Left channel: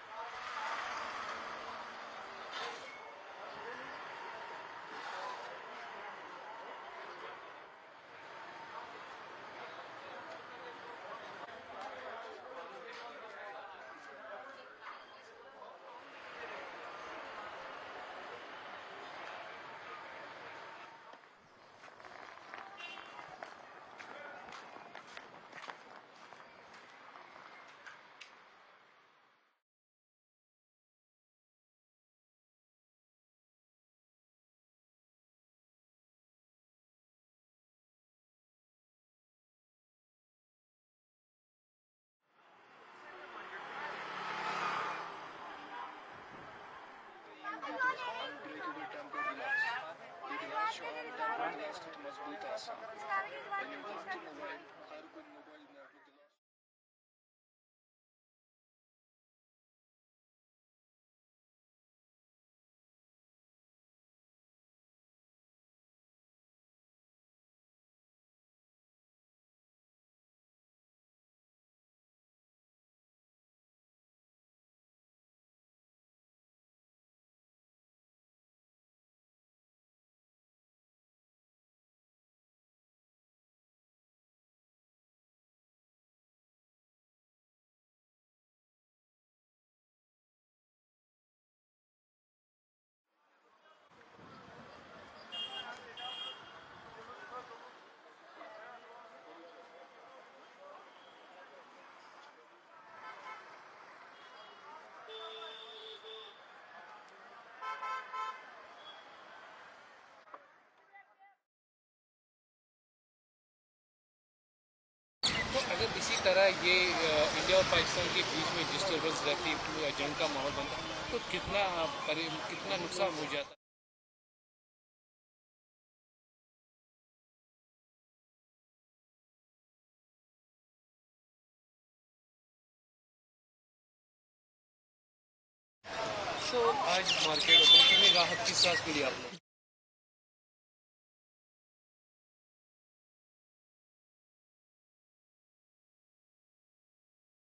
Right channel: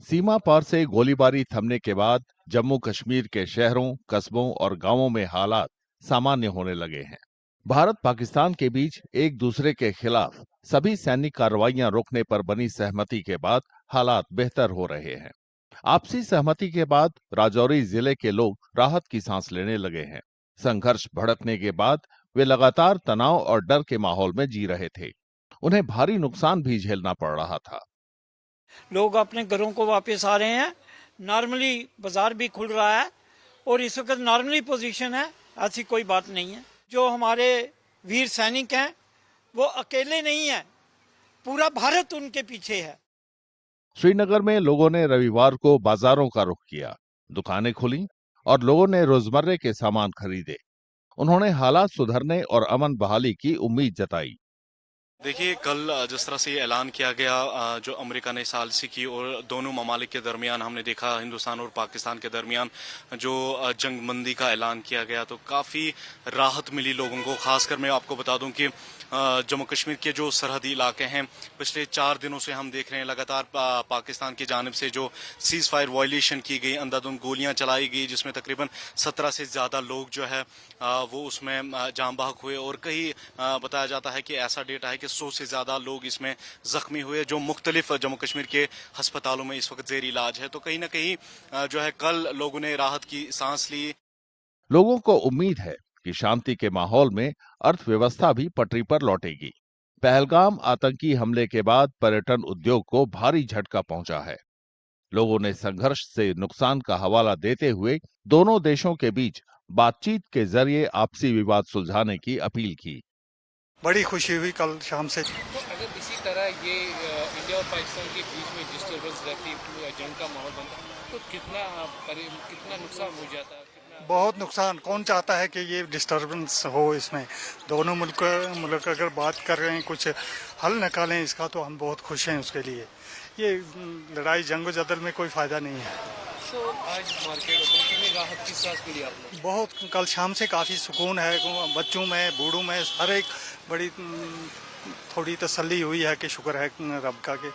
सीमा पार से गोलीबारी थमने के बाद जम्मू कश्मीर के शहरों, कस्बों और गांवों में हालात सामान्य होने लगे हैं। भारत पाकिस्तान के बीच एक दूसरे के खिलाफ सभी सैनिक कार्रवाइयां रोकने पर बनी सहमति के बाद हालात बेहतर हो रहे हैं। आपसी सहमति के बाद राजौरी जिले के लोग राहत की सांस लेने लगे हैं। संघर्ष भड़कने के बाद वे लगातार तनाव और डर के माहौल में जी रहे थे। उन्हें भारी नुकसान भी झेलना पड़ रहा था। लोग अपने घरों को वापस आ रहे हैं। नॉर्मली बाजार भी खुल रहा है और इस वक्त नॉर्मली पोजीशन है, ऐसी कोई बात नहीं है। जो हमारे वीर सैनिक हैं वो अकेले नहीं हैं, पूरा भारत उनके पीछे है। श्रीनगर में लोगों ने रविवार को बाजारों का रुख किया, दुकानें खुली और लोगों ने रोजमर्रे के सामान खरीदे। उन्होंने हालात सुधरने और अमन बहाली की उम्मीद जताई। देखिए, कल जिस तरह से ये ऐलान किया गया जो अमेरिका ने सालिसी की और दोनों ममालिक के दरमियान हमने देखा, हिंदुस्तान और पाकिस्तान के दरमियान जो जंगबंदी का ऐलान किया गया, तो काफ़ी राहत मिली लोगों को। खासकर मैं आपको बता दूं कि जम्मू कश्मीर के जो सरहदी इलाके हैं, पिछले 4 दिनों से हम देख रहे हैं लगातार पाकिस्तान की जानिब से जो सीज फायर वायलेशन की गई, अंधाधुंध गोलियां चलाई गई, जिसमें तकरीबन 17 से ज़्यादा लोग जो है वो उसमें जाम बहक हुए और कहीं बताया जाता है कि ऐसा डेटा है कि 100 से ज्यादा लोग इसमें जख्मी हुए, जो मुख्तलिफ जम्मू कश्मीर के अस्पतालों में इस वक्त जेर इलाज है। तो कहीं ना कहीं जो है कल लोगों ने राहत की सांस ली। लोगों को उम्मीद है कि शांति के माहौल में अर्थव्यवस्था भी पटरी पर लौटेगी। पहलगाम आतंकी हमले के बाद पर्यटन उद्योग को भारी झटका पहुंचा है। लोगों ने संघर्ष से नुकसान का हवाला देते हुए दोनों देशों के बीच बातचीत के जरिए आपसी विवाद सुलझाने की अपील की। बड़ी खुशी हुई कल शाम से। तो अगर इसी तरह ये इंडिया और पाकिस्तान के बीच में डिस्टर्बेंस रहती, जंग का माहौल बनता, तो कितना नुकसान हो जाता है? बहुत नुकसान। कौन चाहता है कि ये डिस्टर्बेंस हो इसमें। दोनों मुल्क अगर बात कर रहे हैं, कुछ हल निकालें इसका, तो हम बहुत खुश हैं उसके लिए। ये लड़ाई जंग जदल में कोई फायदा नहीं है। तो आज मार्केट में कितनी राहत की सांस मिली आपको? बहुत, कल शाम से काफ़ी सुकून है। बच्चों में, बूढ़ों में, हर एक बड़ी थोड़ी तसल्ली हुई है कि शुक्र है रब का कि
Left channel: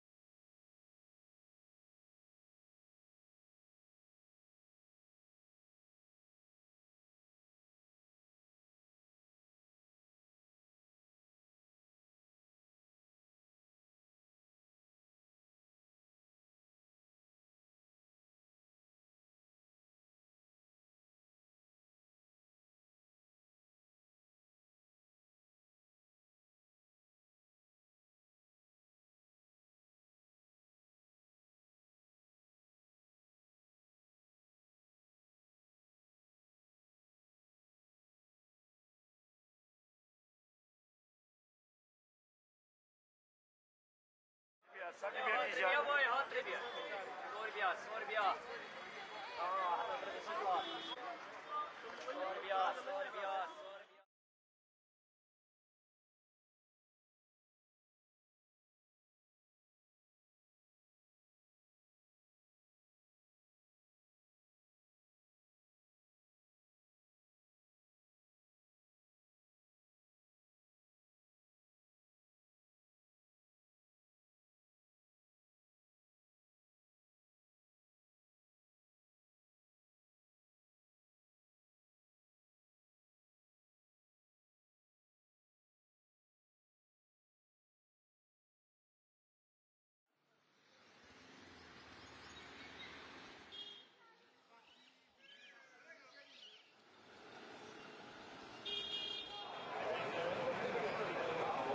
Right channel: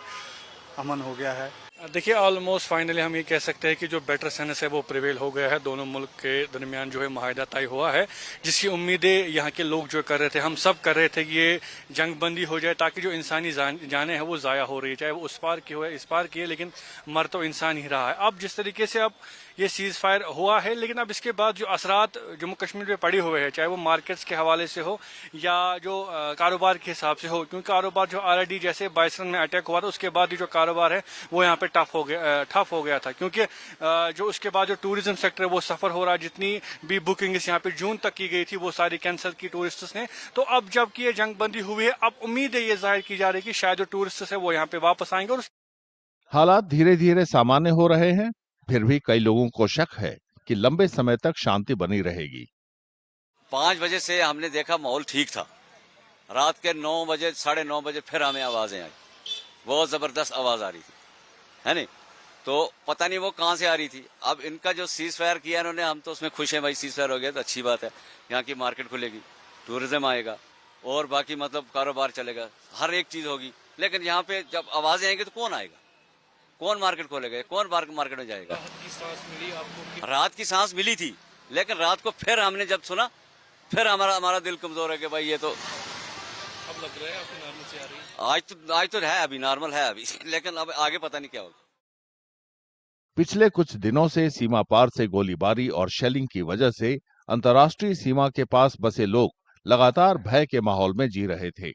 अमन हो गया है। देखिए, ऑलमोस्ट फाइनली हम ये कह सकते हैं कि जो बेटर सेंस है वो प्रिवेल हो गया है। दोनों मुल्क के दरमियान जो है माहिदा तय हुआ है, जिसकी उम्मीदें यहाँ के लोग जो कर रहे थे, हम सब कर रहे थे कि ये जंगबंदी हो जाए ताकि जो इंसानी जानें हैं वो ज़ाया हो रही है, चाहे वो उस पार की हो या इस पार की है, लेकिन मर तो इंसान ही रहा है। अब जिस तरीके से अब ये सीज फायर हुआ है, लेकिन अब इसके बाद जो असरात जम्मू कश्मीर में पड़े हुए हैं, चाहे वो मार्केट्स के हवाले से हो या जो कारोबार के हिसाब से हो, क्योंकि कारोबार जो ऑलरेडी जैसे बाइसन में अटैक हुआ था उसके बाद ही जो कारोबार है वो यहाँ पे ठप हो गया था, क्योंकि जो उसके बाद जो टूरिज्म सेक्टर है वो सफर हो रहा है। जितनी भी बुकिंग यहाँ पे जून तक की गई थी वो सारी कैंसिल की टूरिस्ट्स ने। तो अब जबकि ये जंगबंदी हुई है, अब उम्मीद है ये जाहिर की जा रही है कि शायद जो टूरिस्ट्स है वो यहाँ पे वापस आएंगे। और हालात धीरे धीरे सामान्य हो रहे हैं, फिर भी कई लोगों को शक है कि लंबे समय तक शांति बनी रहेगी। 5 बजे से हमने देखा माहौल ठीक था। रात के 9 बजे, 9:30 बजे फिर हमें आवाजें आई, बहुत जबरदस्त आवाज आ रही थी, है नहीं? तो पता नहीं वो कहाँ से आ रही थी। अब इनका जो सीज फायर किया इन्होंने, हम तो उसमें खुश हैं भाई, सीज फायर हो गया तो अच्छी बात है। यहाँ की मार्केट खुलेगी, टूरिज्म आएगा और बाकी मतलब कारोबार चलेगा, हर एक चीज होगी। लेकिन यहाँ पे जब आवाजें आएंगी तो कौन आएगा, कौन मार्केट खोलेगा, कौन मार्केट में जाएगा? राहत की सांस मिली आपको? रात की सांस मिली थी, लेकिन रात को फिर हमने जब सुना, फिर हमारा दिल कमजोर है कि भाई ये तो अब लग रहा है आपको नॉर्मल से आ रही है। आज तो है, अभी नॉर्मल है अभी, लेकिन अब आगे पता नहीं क्या होगा। पिछले कुछ दिनों से सीमा पार से गोलीबारी और शेलिंग की वजह से अंतर्राष्ट्रीय सीमा के पास बसे लोग लगातार भय के माहौल में जी रहे थे।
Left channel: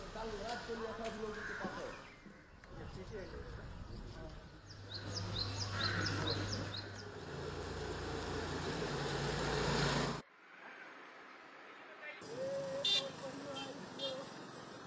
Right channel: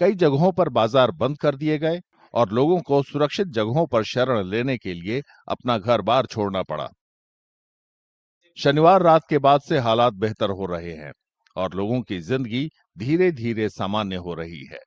कई जगहों पर बाजार बंद कर दिए गए और लोगों को सुरक्षित जगहों पर शरण लेने के लिए अपना घर बार छोड़ना पड़ा। शनिवार रात के बाद से हालात बेहतर हो रहे हैं और लोगों की जिंदगी धीरे धीरे सामान्य हो रही है।